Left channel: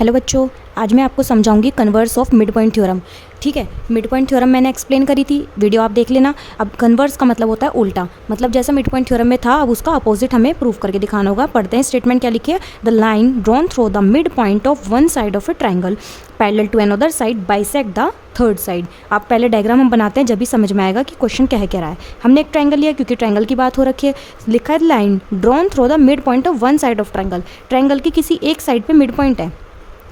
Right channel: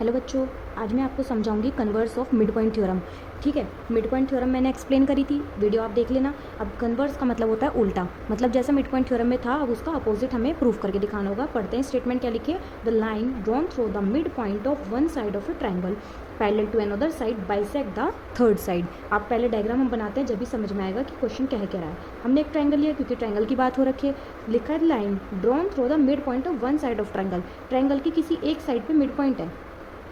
Hello बच्चों, आज मैं आपको समझाऊंगी converse of mid point theorem. ठीक है, मिड पॉइंट थ्योरम मैंने एक्सप्लेन करी थी, वीडियो आप देख लेना। अब कन्वर्स का मतलब होता है उल्टा, मतलब जैसा मिड पॉइंट थ्योरम में था अब उसका अपोजिट हमें प्रूव करके दिखाना होगा। पढ़ते हैं स्टेटमेंट क्या लिखी है। The line drawn through the mid point of one side of a triangle parallel to another side bisect the third side. आप पहले डायग्राम हम बनाते हैं, जब भी समझ में आएगा कि क्वेश्चन क्या है कह रहा है। हमने एक ट्राइंगल लिया क्योंकि ट्राइंगल की बात हो रखी है। लिखा है line drawn through the mid point of one side of triangle. Triangle की किसी एक साइड पे मिड पॉइंट है।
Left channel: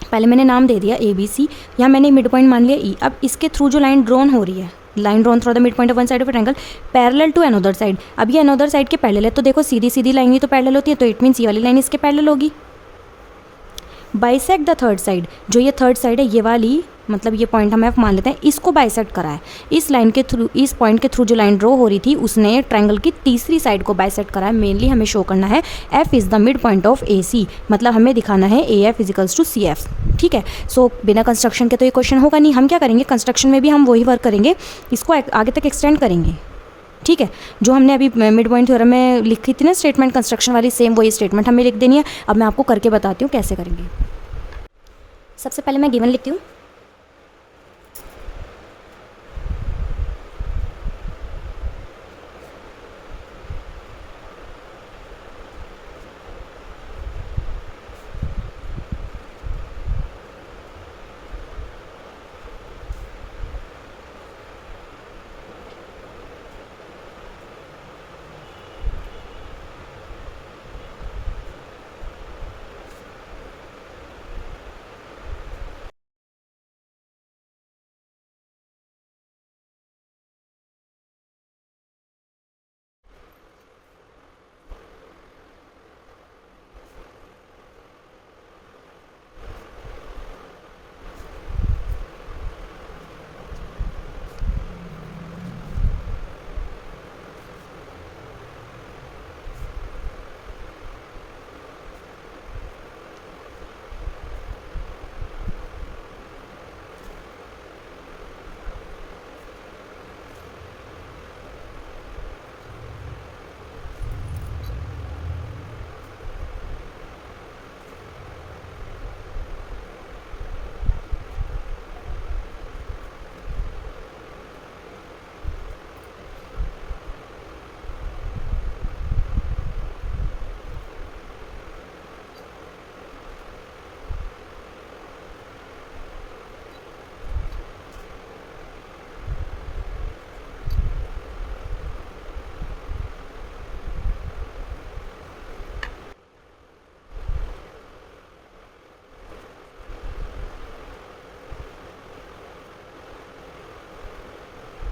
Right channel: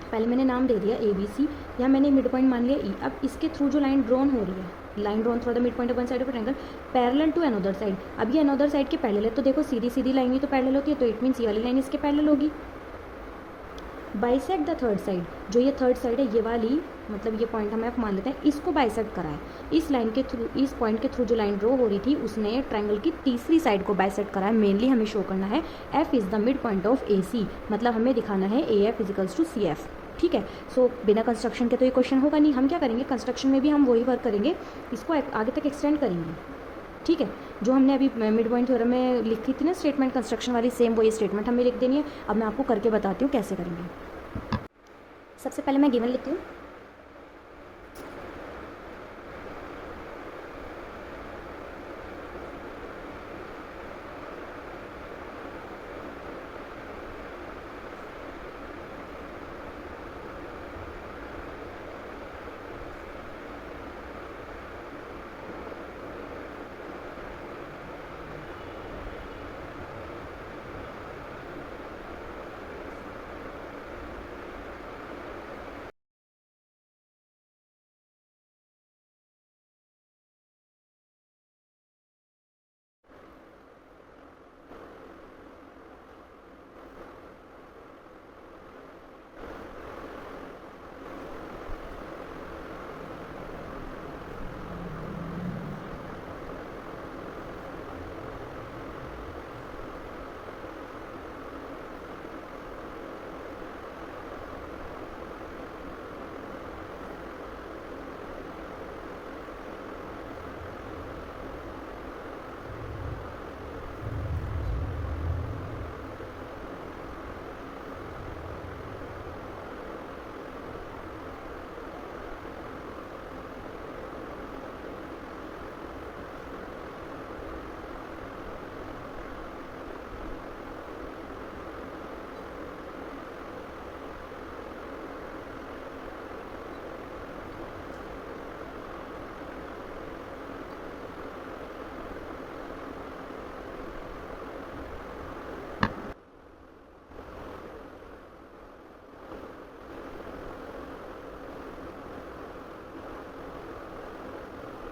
पहले मैंने नाम दे दिया ए बी सी, यहाँ मैंने मिड पॉइंट मान लिया ई। अब इसके थ्रू जो लाइन ड्रॉन हो रही है, line drawn through the mid point of one side of triangle parallel to another side. अब ये अनदर साइड के पैरेलल है, तो देखो सीधी सीधी लाइन ही तो पैरेलल होती है, तो इट मीन्स ये वाली लाइन इसके पैरेलल होगी। बाइसेक्ट द थर्ड साइड, जो ये थर्ड साइड है ये वाली, मतलब ये पॉइंट हम एफ मान लेते हैं, इसको बाइसेक्ट करा है। इस लाइन के थ्रू, इस पॉइंट के थ्रू जो लाइन ड्रॉ हो रही थी उसने ट्रायंगल की तीसरी साइड को बाइसेक्ट करा है। मेनली हमें शो करना है F is the mid point of A C, मतलब हमें दिखाना है A F equals to C F. ठीक है, सो बिना कंस्ट्रक्शन के तो ये क्वेश्चन होगा नहीं। हम क्या करेंगे, कंस्ट्रक्शन में भी हम वही वर्क करेंगे, इसको आगे तक एक्सटेंड करेंगे। ठीक है, जो हमने अभी मिड पॉइंट थ्योरम में लिखी थी ना स्टेटमेंट कंस्ट्रक्शन वाली, सेम वही स्टेटमेंट हमें लिख देनी है। अब मैं आपको करके बताती हूँ कैसे करेंगे। सबसे पहले मैं गिवन लिखती हूँ।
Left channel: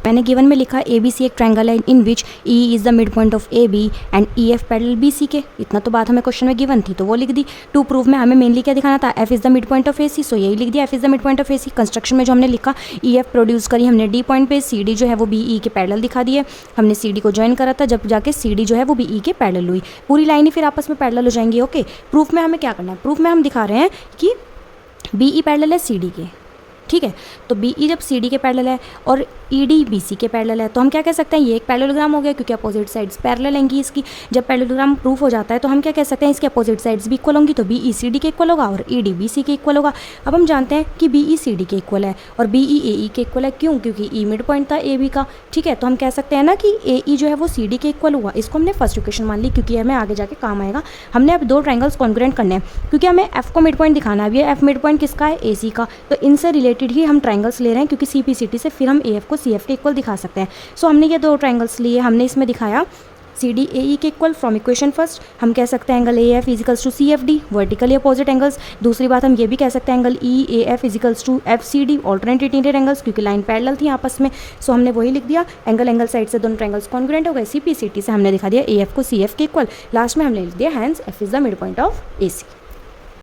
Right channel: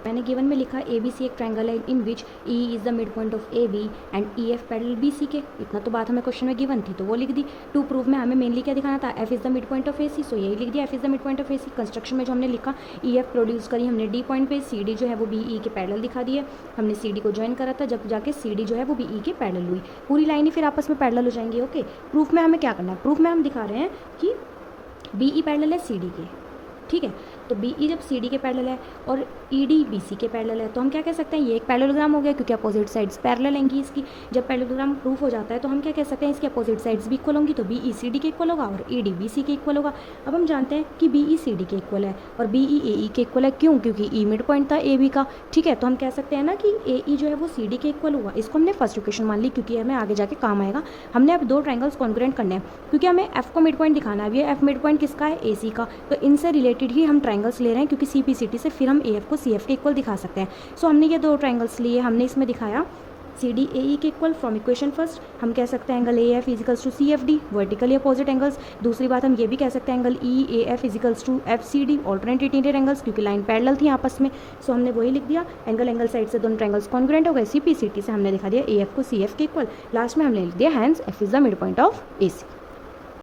मैंने गिवन में लिखा ए बी सी एक ट्रायंगल है in which E is the mid point of A B and E F parallel B C के। इतना तो बात हमें क्वेश्चन में गिवन थी तो वो लिख दी। टू प्रूफ में हमें मेनली क्या दिखाना था, F is the mid point of A C, so यही लिख दिया F is the mid point of A C. Construction में जो हमने लिखा ई एफ प्रोड्यूस करी हमने डी पॉइंट पे, सी डी जो है वो बी ई के पैरेलल दिखा दी है। हमने सी डी को ज्वाइन करा था, जब जाके सी डी जो है वो बी ई के पैरेलल हुई। पूरी लाइन ही फिर आपस में पैरेलल हो जाएंगी। ओके, प्रूफ में हमें क्या करना है, प्रूफ में हम दिखा रहे हैं कि बी ई पैरेलल है सी डी के। ठीक है, तो बी ई जब सी डी के पैरेलल है और ई डी बी सी के पैरेलल है, तो हम क्या कह सकते हैं, ये एक पैरेललोग्राम हो गया क्योंकि अपोजिट साइड्स पैरेलल होंगी इसकी। जब पैरेललोग्राम प्रूफ हो जाता है तो हम क्या कह सकते हैं, इसके अपोजिट साइड्स भी इक्वल होंगी, तो बी ई सी डी के इक्वल होगा और ई डी बी सी के इक्वल होगा। अब हम जानते हैं कि बी ई सी डी के इक्वल है और बी ई ए ई के इक्वल है। क्यों? क्योंकि ई मिड पॉइंट था ए बी का। ठीक है, तो हम कह सकते हैं ना कि ए ई जो है वो सी डी के इक्वल हुआ। इसको हमने फर्स्ट इक्वेशन मान ली क्योंकि हमें आगे जाके काम आएगा। हमने अब दो ट्राइंगल्स कॉन्ग्रुएंट करने हैं क्योंकि हमें एफ को मिड पॉइंट दिखाना है। अब ये एफ मिड पॉइंट किसका है, ए सी का, तो इनसे रिलेटेड ही हम ट्राइंगल्स ले रहे हैं क्योंकि सी पी सी टी से फिर हम ए एफ को सी एफ के इक्वल दिखा सकते हैं। सो हमने ये दो ट्राइंगल्स लिए, हमने इसमें दिखाया सी डी ए ई के इक्वल फ्रॉम इक्वेशन फर्स्ट। हम कह सकते हैं angle A F equals to C F D, vertically opposite angles. दूसरी बात हम ये भी कह सकते हैं angle E A F equals to F C D, alternate interior angles, क्योंकि लाइन पैरेलल थी आपस में। सो हमने वही लिख दिया, एंगल साइड से दोनों ट्राइंगल्स कॉन्ग्रुएंट हो गए। सी पी सी टी से हमने दिखा दिया ए एफ को सी एफ के इक्वल। लास्ट में हमने लिख दिया hence F is the mid point of A C.